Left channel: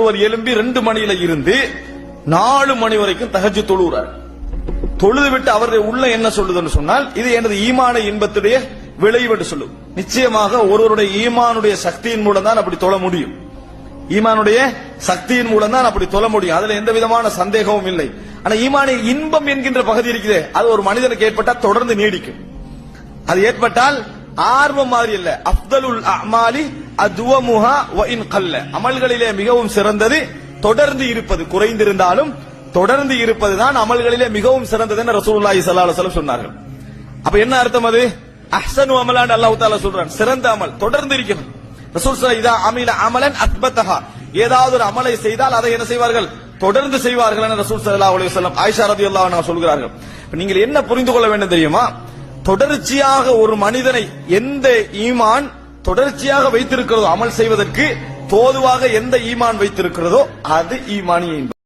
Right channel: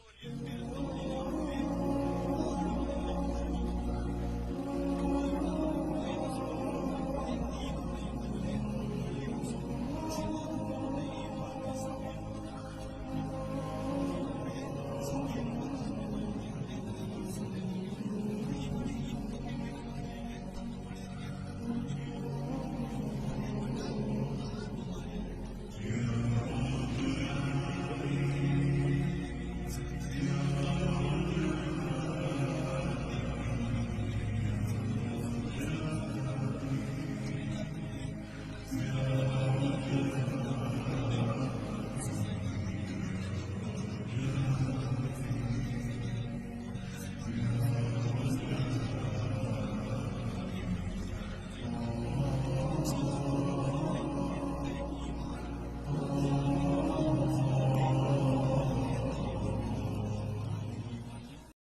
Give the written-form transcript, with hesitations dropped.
ஒருவர் எழும்பி 2 மணியில இருந்து 4 மணி வரைக்கும் தஹஜ்ஜுத் தொழுகிறார். தொழுது விட்டு அவருடைய உள்ள என்ன சொல்லுதுன்னு சொன்னால், இது எனது ஈமான இன்பத்துடைய விளைவு என்று சொல்லும். நிச்சயமாக ஒருவருடைய ஈமானுடைய சக்தியின் மூலம் தான் அப்படி தொழ முடியும். ஈமானுடைய சக்தியின் மூலம் தான் அப்படி தொழ முடியும். அதுல எந்த விதமான சந்தேகமும் இல்லை. ஆனா ஈமானிய இன்பம் என்கின்ற பகுதி இருக்குது, அது ஒரு மனிதனுக்கு ஏற்பட்டால் தொடர்ந்து நீடிக்கும். அது ஏற்பட்டால் ஆர்வம் மாதிரி இல்ல. அஃதலுல் அமாலி அதுவமுஹா வ இன் கல்ல. அமல்களிலே மிகவும் சிறந்தது தொடர்ந்து இருப்பது. குறைந்திருந்தாலும் தொடர்ந்து இருப்பதுதான் அமல்களிலே மிகவும் சிறந்தது என்று ரசூலுல்லாஹி ஸல்லல்லாஹு அலைஹி வஸல்லம் சொன்னார்கள். அப்ப என்ன அர்த்தம்? அது அஹ்ஸனு அமலான் அல்லாஹ் தஆலா சொல்றான், சிறந்த அமல் தொடர்ந்து இருக்கிறது. ரசூல் ஸல்லல்லாஹு இதா அமில அமலன் அத்பதஹா, ஏதாவது ஒரு அமலை செய்தால் அதை என்ன செய்வார்கள்? தொடர்ந்து செய்வார்கள் என ரசூல் ஸல்லல்லாஹு அலைஹி வஸல்லம் ஆயிஷா ரலியல்லாஹு அன்ஹா சொல்கிறார்கள். நீங்கள் என்ன புரிந்து கொள்ள வேண்டும் தெரியுமா? தொடர்ச்சியாக ஒரு மனிதனை எந்த ஈமான் தொடர்ச்சியாக வைத்திருக்கிறதோ, அமல் செய்வதற்கு தோதுவாக எந்த ஈமான் வைத்திருக்கிறதோ அது ஈமானிய இன்பம்.